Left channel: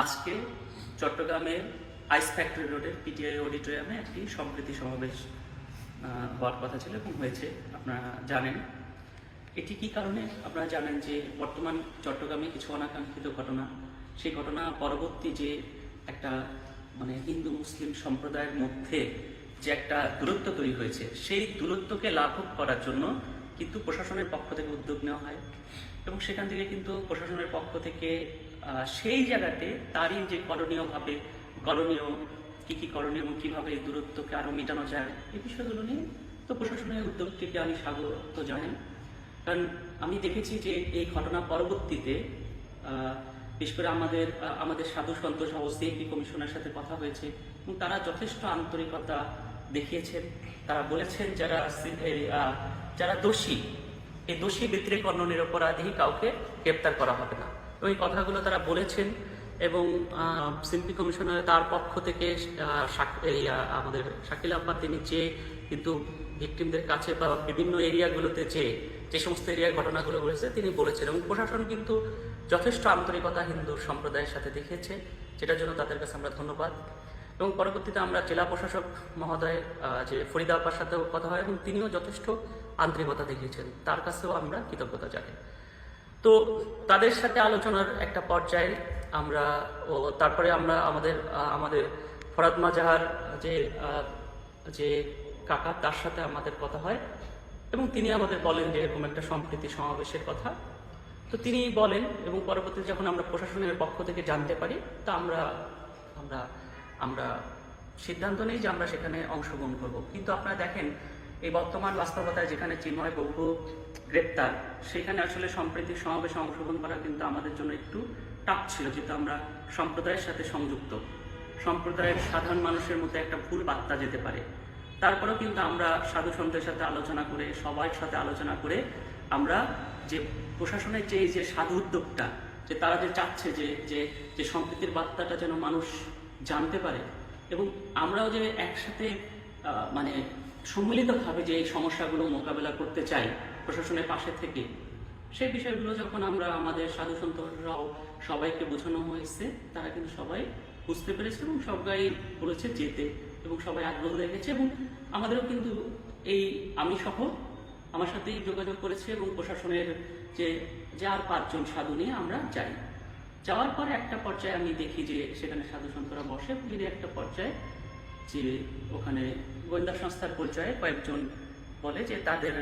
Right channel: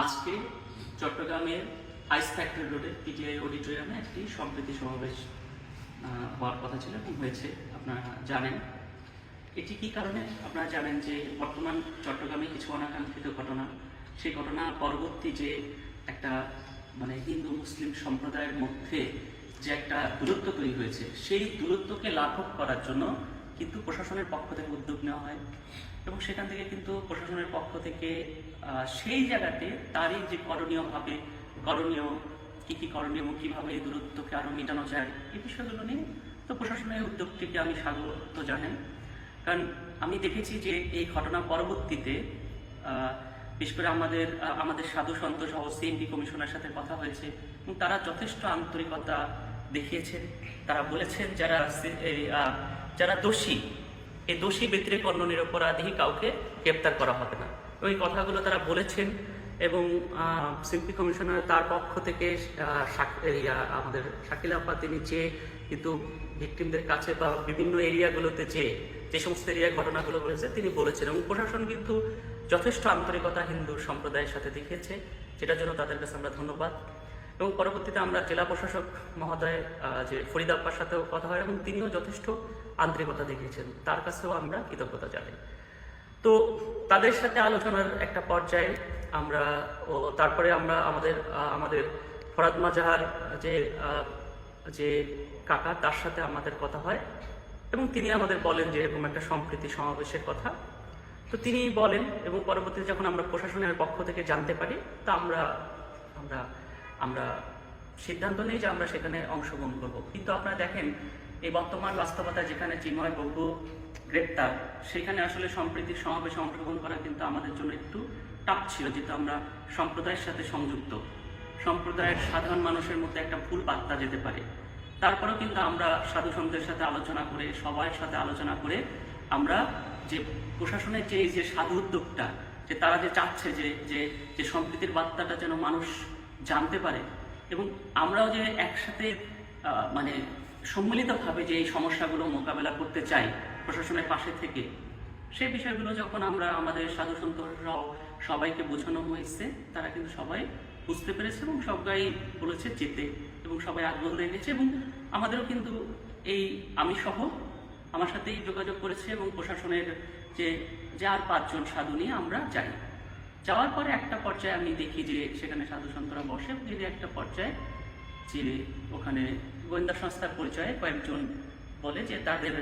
আজকে চট্টগ্রামের ice factory রোডের পিটিআই অডিটোরিয়ামে একটি সম্প্রীতি সমাবেশ হওয়ার কথা ছিল এবং হয়েছে। আপনারা জানেন। এটি কি কারণে? আপনারা জানেন যে বর্তমান চট্টগ্রামে কিছু অনাকাঙ্ক্ষিত ঘটনা। সেই ঘটনা পরবর্তী যে একটা মানে হিন্দু মুসলিম সম্প্রদায়ের মধ্যে যে একটা দূরত্ব তৈরি হয়েছে, সেই দূরত্বকে লাঘব করার জন্য কিন্তু প্রশাসনের পক্ষ থেকে উদ্যোগ নেওয়া হয়। এবং সেখান থেকে কিন্তু প্রশাসনের পক্ষ থেকে সেই জায়গাতে তারই যে করণীয় ভাবে করণীয় কি কি করণীয় কীভাবে দূরত্বকে আরও মেটানো যায়, এই বিষয়গুলো নিয়ে তো প্রশাসনের উদ্যোগটিকে আমি স্বাগত জানাই। কারণ আমি দেখেছি যে এই ঘটনা পরবর্তীতে বিশেষ করে আমাদের আমাদের সাধু সন্ত সহ সিএমপি কমিশনের সাথে কথা হয়েছে এবং তারা যথেষ্ট আন্তরিকতা দেখিয়েছেন। তারা বলেছেন যারা যারা দোষী, এই দোষী ব্যতিরেক অন্য নিরপরাধী কাউকে গ্রেপ্তার করা হবে না। এই কথাগুলো তারা বলেছেন এবং সিম্পি কমিশনার তার পক্ষ থেকে আমাদের শাকিল আপা তিনি যে কিন্তু ভিকটিমদের কাছে বা বিভিন্ন এরিয়াগুলোতে যে যে সমস্ত এরিয়ার ঘটনাগুলো ঘটেছে তিনি বলেছেন এবং প্রশাসন কিন্তু যথেষ্ট আন্তরিকতা হিন্দু সম্প্রদায়ের সাথে দেখিয়েছে যেটার জন্য তাদের কাছে আমরা ধন্যবাদ। এবং পরবর্তীতে আমরা জেলা প্রশাসক মহোদয় যে ফরিদ আপার সাথেও কথা হয় এবং তিনিও যথেষ্ট আন্তরিকতা দেখিয়েছেন। তার কাছেও আমরা কৃতজ্ঞতা জানাই। তো তাদের সাথে আলোচনার একটা পর্যায়ে আমরা ও তারপরে আমরা আমাদের আমাদের ফরাদ মাজাহার যে যে কাকা, তার সাথে আমাদের কথা হয় এবং তিনি আমাদের বলেন যে এরকম একটা সম্প্রীতি সমাবেশের কথা। তো তিনি বলেন এবং পরবর্তীতে যখন আমরা প্রশাসনের পক্ষ থেকে জানতে পারি, তা আমরা আমরা আমরা সিদ্ধান্ত নেই যে আমরা সেখানে অংশগ্রহণ করব। কিন্তু আপনারা দেখেন, এই বর্তমান বাস্তবতায় যেখানে চিন্ময় বঙ্গ গ্রেপ্তার। সেখানে আসলে সম্প্রীতির সমাবেশে অংশগ্রহণ করা কিন্তু আমাদের জন্য একটু টাপ ছিল, যেহেতু আমরা সম্প্রদায়ের সাথে সংযুক্ত। সম্প্রদায়ের সাধারণ মানুষের মধ্যে একটা ভুল বার্তা যেতে পারে। তারপরেও কিন্তু আমরা সাধু সন্তের সাথে আলোচনা করে, সবার সাথে আলোচনা করে আমরা যে প্রশাসনের যে এই যে সাধু উদ্যোগটা, যে তারা যে চাচ্ছে যে যে যে সম্প্রীতির বার্তাটা যেন মানুষ জানতে পারে এবং আমরাও যে একসাথে মানে সম্মিলিতভাবে যে এই সমস্যাগুলো মোকাবেলা করতে চাই প্রশাসনের পাশে থেকে। সেই বিষয়গুলো যখন আমরা আমাদের সাধু সন্তরাও সবাইকে বোঝানো হয়েছে, তারা কিন্তু সবাই বুঝতে পেরেছে এবং সবাই বলেছে যেতে এবং সবাই আগ্রহ লেগেছে এবং আমাদেরও কিন্তু এই আমি সহ আমার সাথেই যোগাযোগ করেছে এবং প্রশাসনের যে যার পাঁচজন সাধু নিয়ে আমরা যাই। যাওয়ার পরে একটা পর্যায়ে আমি দেখি যে সেখানে সাধু সন্তরা বসে তিনি একটা পর্যায়ে যে ওখানে গোয়েন্দা সংস্থার পরিচয়ে কয়েকজন বলে যে তাদের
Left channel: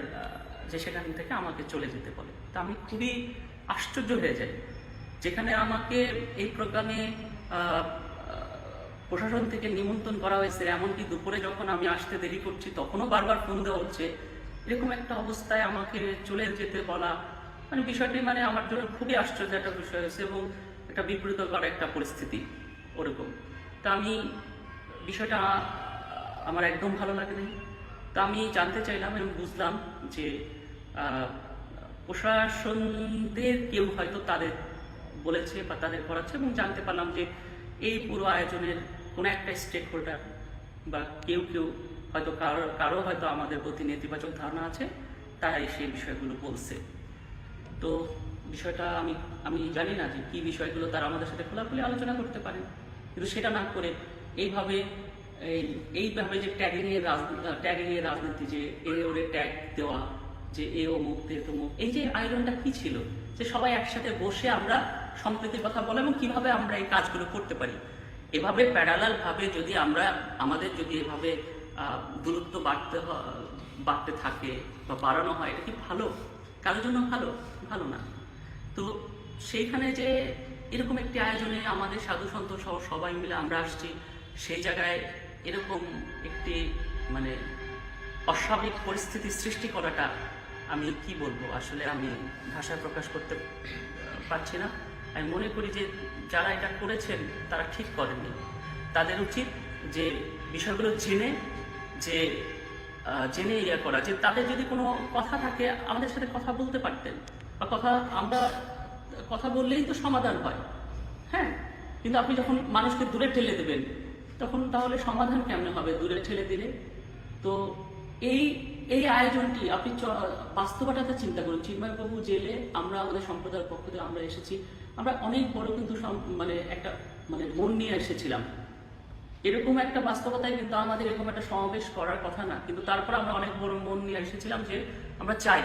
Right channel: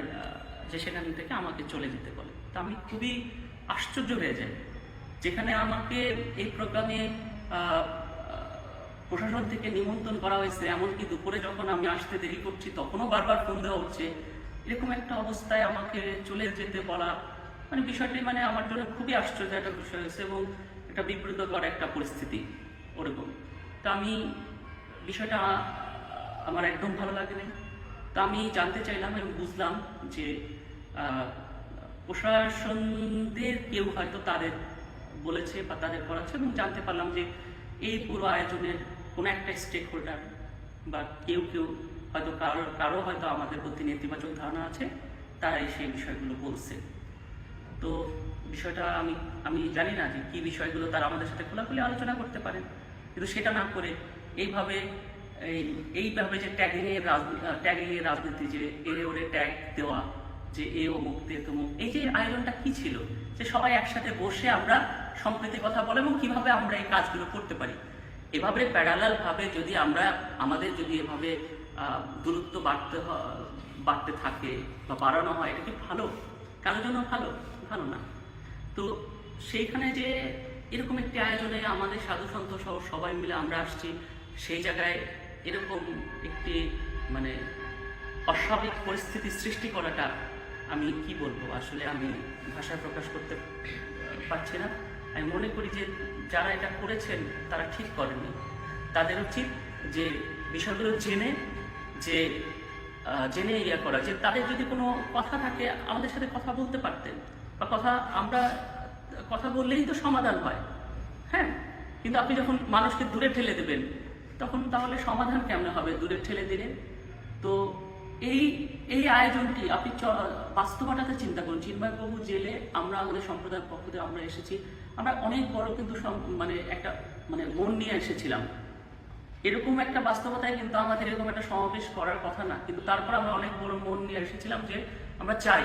যে সেখান থেকে আমাকে চলে যেতে বলে। তা আমি খুবই আশ্চর্য হয়ে যাই। যেখানে আমাকে এই প্রোগ্রামে প্রশাসন থেকে নিমন্ত্রণ করা হয়েছে, এমনকি দুপুরে যখন আমি আসতে দেরি করছি, তখনও বারবার ফোন দেওয়া হচ্ছে। এরকম একটা অবস্থায় আমাকে চলে যেতে বলা মানে বিষয়টি মানে আমার জন্য খুবই আশ্চর্য একটা বিষয় হয়েছে এবং একটা বিপরীতকর একটা পরিস্থিতি ওরকম। তা আমি বিষয়টা আমার একদম ভালো লাগেনি। তা আমি জানতে চাইলাম এবং বুঝলাম যে প্রশাসনদের কেউ হয়তো তাদের বলেছে বা তাদের করাচ্ছে এবং জানতে পারলাম যে এই পুরো আয়োজনের কোনো একটা স্টেক হোল্ডার বা কেউ কেউ হয়তো কারও কারও হয়তো আমাদের প্রতি নেতিবাচক ধারণা আছে, তারাই সেই বিষয়গুলো বলছে। তো বিষয়টা আমি আমি জানি না যে কি বিষয়গুলো তারা আমাদের সাথে খোলাখুলি আলোচনা করতে পারেন। কিন্তু সেটা না করে এইভাবে, এই, এইভাবে যে ট্যাগিং এর ট্যাগিং এর রাজনীতি যে এ ওরে ট্যাগ দেওয়া যে এ অমুক তে তমুক এই যে আয়োজনটা কি ছিল? যে সবাই একসাথে বসে আমরা সম্প্রীতির কথা বলে এবং কীভাবে আমরা এই কাজগুলো করতে পারি। এভাবে প্যারালাল ভাবে যদি আমরা, আমাদের যদি এভাবে দূরত্ব বাড়তে বাড়তে থাকে বা বাড়ানো হয়, এটা কি ভালো? কারোর জন্য ভালো? ভালো না। তো সেইখানে যে এরকম একটি আয়োজনে আমাদের সাধু সন্ত সহ সবাই মিলে আমরা আসছি। সেই জায়গায় এরকম একটি মানে অস্বাভাবিক পরিস্থিতি সৃষ্টি করাটা আমি কি বলব? আসলে আমি ভাষায় প্রকাশ করতে পারছি না। আমি মনে করি যে যারা এটা করেছেন, তারা ঠিক করেননি। তাদের উচিত যে বিষয়গুলো চিনে যে জেনে ইয়ে করা। যে তাদের যদি কোনো কথা থাকে, আমাদের সাথে কথা বলতে পারতেন। বা কথা আমরা, কথা বললেই তো সমাধান হয়। হ্যাঁ? কিন্তু আপনি যখন মানুষকে দূরে ঠেলে দেবেন, তখন তাহলে সমাধান কেমন হবে? দূরে ঠেলে দিলে? তো এই এই আয়োজনটি আপনি বাস্তবতাটা চিন্তা করুন। চিন্ময়বাবু জেলে আমরা আমাদের সম্প্রদায়ের পক্ষ থেকে আমরা এসেছি। আমরা অনেক বড় কিন্তু মানে একটা মানে মন নিয়ে এসেছিলাম। এরকম একটা বাস্তবতায় কিন্তু আমাদের এরকম একটা সমাবেশ করার কথা না। কিন্তু তারপর আমরা অনেক বড় মন নিয়ে এসেছিলাম যে আমরা চাই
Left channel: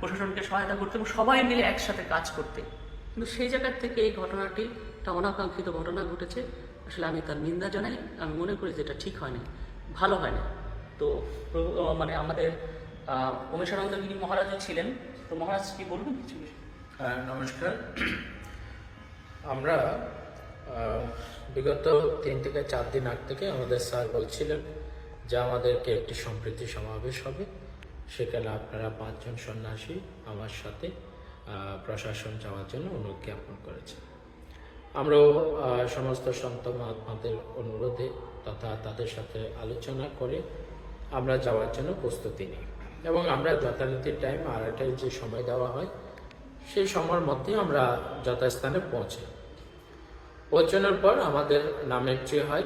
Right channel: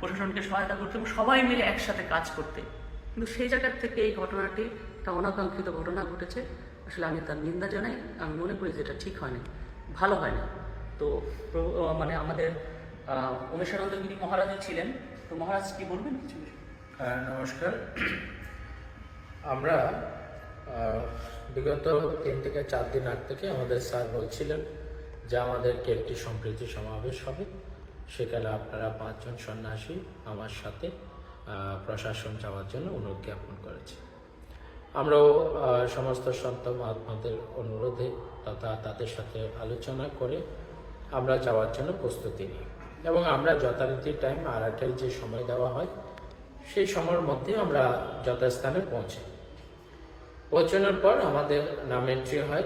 প্রশাসনকে সহায়তা করতে এবং সবাই মিলে একসাথে কাজ করতে। কিন্তু সেই জায়গার থেকে এই ঘটনাটি, একটা অনাকাঙ্ক্ষিত ঘটনা ঘটেছে। আসলে আমি তার নিন্দা জানাই। আমি মনে করি যে এটা ঠিক হয়নি। ভালো হয়নি। তো মানে আমাদের উমেশানন্দগিরি মহারাজা ছিলেন। তো মহারাজ কি বলবেন হ্যাঁ, নমস্কার। আমরা বিগত তিন থেকে চার দিন আগ থেকে আমাদের স্যার বলছিলেন যে আমাদেরকে একটি সম্প্রীতি সমাবেশ হবে। সেখানে আপনারা পাঁচজন সন্ন্যাসী আমার সাথে প্রশাসন যাওয়ার জন্য অনুরোধ জ্ঞাপন করেছে। আমরাও সমস্ত সন্ত মহাত্মাদের অনুরোধে তথা তাদের সাথে আলোচনা করে আমরা যাওয়ার জন্য প্রস্তুতি নিই। এবং আমরা যথারীতি টাইম আড়াইটায় যে সময় দেওয়া হয়, সেই সময়ের মধ্যে আমরা যথাস্থানে পৌঁছাই। পৌঁছানোর পর আমাদের নাম এন্ট্রি হয়।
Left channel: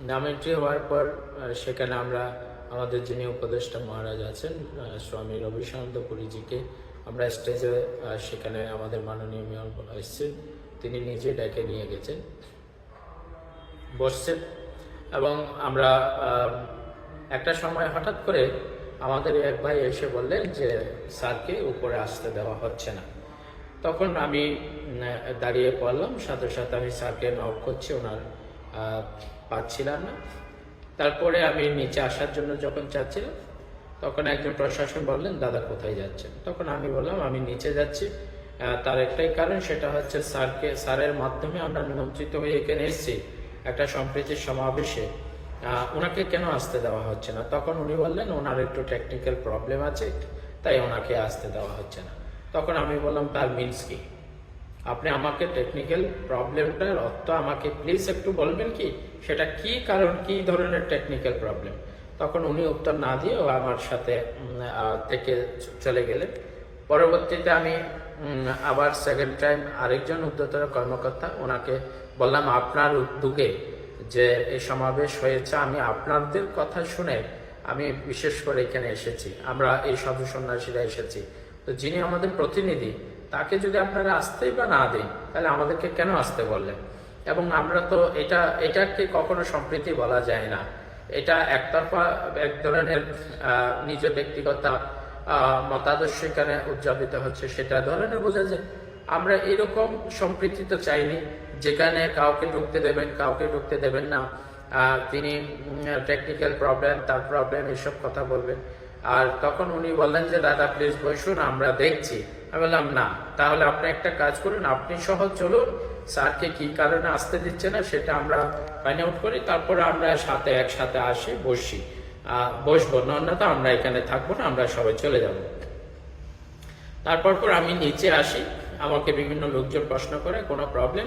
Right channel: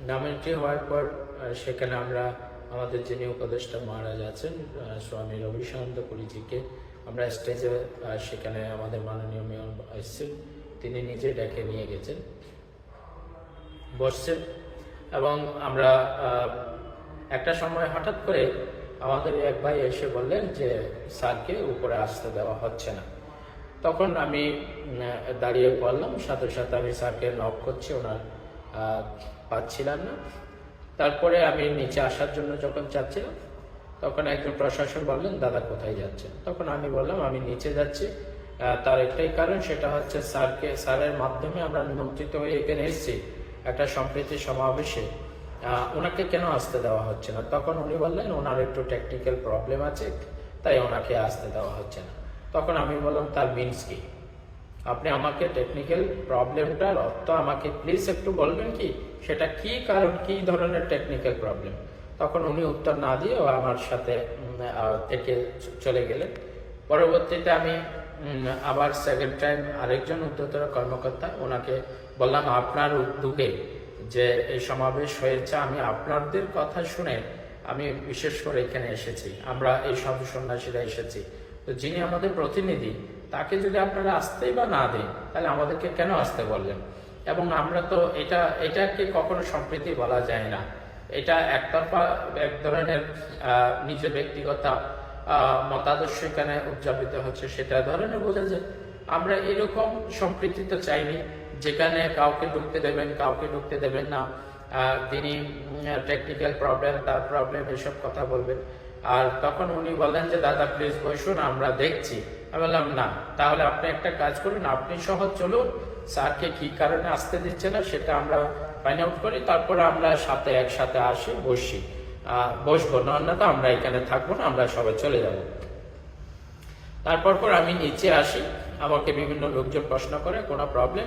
নাম এন্ট্রি হওয়ার পর সেখানে আমরা, আমাদের যিনি উপদেষ্টা মহারাজ আছেন স্বামী রবিশানন্দ পুরীজিকে আমরা স্টেজে সেখানে আমাদের মাননীয় মেয়র এসছেন তিনি নিজে ডেকে নিয়ে গেছেন। বসছেন। এবং আমরা একটা সময় হঠাৎ করে আমাদের এক ভাই এসে বললেন যে, স্যারকে উপরে আসতে দেওয়া হচ্ছে না। তখন আমি দাঁড়িয়ে পড়লাম। সাথে সাথে আমি স্যারকে নক করছি। ওনার পাচ্ছিলাম না। তারপরে আমি নিচে আসার জন্য যখন চাচ্ছিলাম তখন একজন প্রশাসক বললেন, দাদা, কোথায় যাচ্ছেন? তখন আমি বললাম, আমি নিচে যাচ্ছি। তার একটাই কারণ, সেটা হচ্ছে স্যারকে, স্যারের মাধ্যমে আমরা নিমন্ত্রিত হয়ে এখানে এসেছি। একটা সম্প্রীতির সমাবেশে। ওনাকে কেন আসতে দেওয়া হচ্ছে না? তখন উনি বললেন, ওনার একটু টেকনিক্যাল প্রবলেম আছে, তাই ওনাকে আসতে দেওয়া হচ্ছে না। তখন আমি বললাম, তার মিনস কি? আপনি আমাকে টেকনিক্যাল প্রবলেমটার অর্থ আমাকে প্লিজ একটু বলবেন কি? সেটা কি কারণ, কি ধরনের টেকনিক্যাল প্রবলেম তখন উনি উত্তর না দিয়ে ও আমার সাথে থেকে চলে গেলেন। পরবর্তীতে আমি আবার সেকেন্ড টাইম আরেকজন উচ্চতর কর্মকর্তা ওনাকে বললাম, আপনার উদ্যোগে যে এই সমাবেশ হয়েছে, আমি আপনাদের কথা শুনে আমি বিশেষ করে এখানে এসেছি। আমরা এই সাধু সন্ন্যাসীরা এসেছি। তো যিনি আমাদের প্রতিনিধি, তাকে যদি আপনারা আসতেই বা না দেন, তাহলে আমাদেরকে কেন আসতে বললেন? এবং আমরা তো এটা, এটাকে কখনো সম্প্রীতি বলা যায় না। এটা একতরফা এক ধরনের নিজ ব্যক্তিগত মতাদর্শ এখানে উদযাপিত হচ্ছে, সেটা ধরনের বোঝা যায়। আমরা এরকম সম্প্রীতি তো চাইনি। যেখানে কাউকে ঢুকতে দেবেন, কাউকে ঢুকতে দেবেন না। তিনি টেকনিক্যাল প্রবলেম তার প্রবলেম এসব কথা বলবেন। আর তখন উনি বললেন যে, দাদা প্লিজ বসুন, আমরা দেখছি। আমি বললাম, না, তাহলে আপনি একটা কাজ করুন, আপনি সহ চলুন। স্যারকে কি কারণে আসতে দিচ্ছে না, সেটা আমরা ফাইন্ড আউট করি, তারপরে আমরা সাথে একসাথে আসি, বসি। বসবো না তো, আমরা এখানে থাকব না, আমরা সবাই চলে যাব। তারপর পর আমি নিচে আসি, আমাকে বিভিন্ন লোকজন প্রশ্ন করে, কোনো প্রবলেম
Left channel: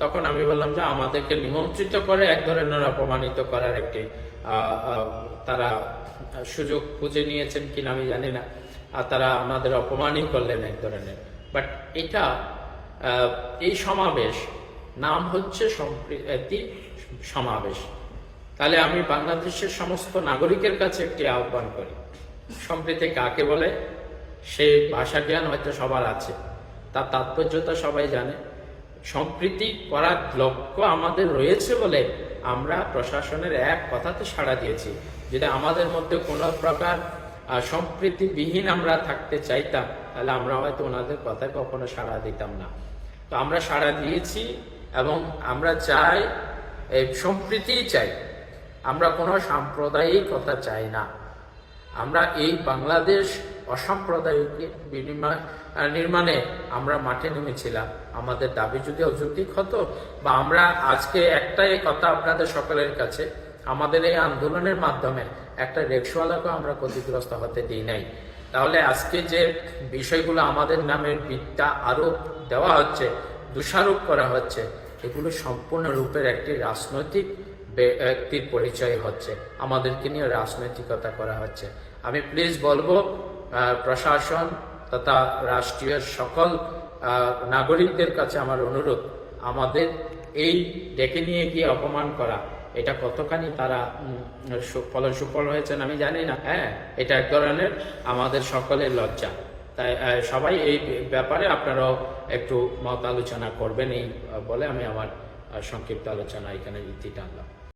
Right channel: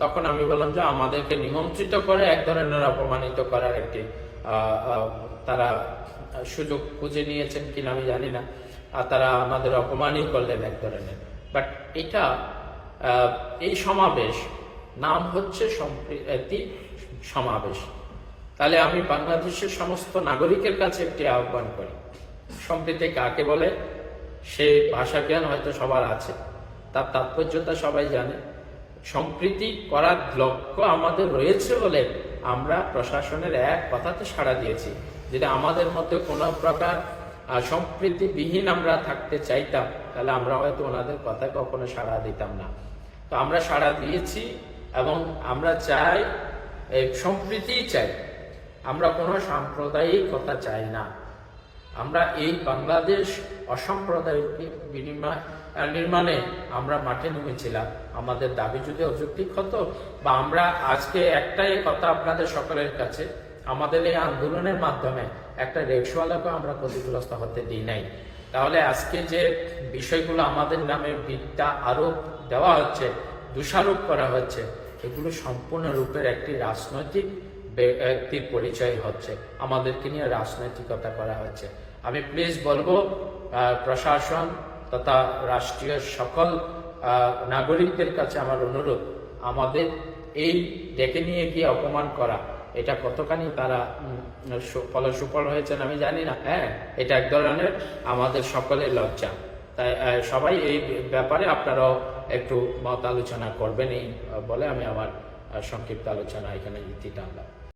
তখন আমি বললাম যে আমাদেরকে নিমন্ত্রিত করে এক ধরনের অপমানিত করার একটি তারা সুযোগ খুঁজে নিয়েছেন কিনা আমি জানি না। আর তারা আমাদের অপমানই করলেন এক ধরনের। বাট এটা এই সমাবেশ নাম হচ্ছে সম্প্রীতি সমাবেশ। তাহলে আমি বাংলাদেশের সমস্ত নাগরিকের কাছে একটি আহ্বান করি। সম্প্রীতি কাকে বলে? সে ভাষা জ্ঞান হয়তো সবার আছে, তার তাৎপর্যতা সবাই জানে। সম্প্রীতি করার লক্ষ্য আমাদের রয়েছে বলে আমরা প্রশাসনের এক কথাতে সাড়া দিয়েছি। যদি আমাদের মধ্যে কোনো প্রকার সম্প্রীতিবিহীন আমরা থাকতে চাইতাম, তাহলে আমরা হয়তো ওনাদের কথায় কখনো সাড়া দিতাম না। তো আমরা সাড়া দিয়েছি এবং আমরা চাই এই সম্প্রীতিই চাই। আমরা কোনো সাম্প্রদায়িক কথা চাই না। আমরা এই বাংলাদেশ অসাম্প্রদায়িক বিনিময় নির্মাণে আমরা মাঠে নেমেছিলাম। আমাদের দাবি যদি অযৌক্তিক হতো বা আমরা আজকে একটাই কথা আপনাদের সকলের কাছে, আমাদের এই আন্দোলনের মাধ্যমে একটা রিক্সাওয়ালাকে আমরা ক্ষতিগ্রস্ত হতে দিই নাই। তাহলে আজকে যে বিষয়গুলো আমাদের নামের ভিত্তা আরোপ দেওয়া হচ্ছে, দোষারোপ করা হচ্ছে, এগুলো সম্পূর্ণরূপের একটি রাজনৈতিক ব্যক্তির পরিচয় হচ্ছে। আমাদেরকে নিয়ে রাজনৈতিকতা করা হচ্ছে। আমি প্লিজ বলব প্রশাসন তথা রাষ্ট্রীয় সকল নাগরিকদের কাছে আমার অনুরোধ, আমাদের এই ডেকে নিয়ে গিয়ে অপমান করা, এটা কতখানি তারা ফল সুফল হয়েছেন আমি জানি না হ্যাঁ? এটা এক ধরনের আমাদের সকলের লজ্জা। তাই সবাই এই ব্যাপারে আপনারাও একটু মত আলোচনা করবেন, এই বলে আমি আমার সংক্ষিপ্ত আলোচনা এখানে ইতি টানলাম।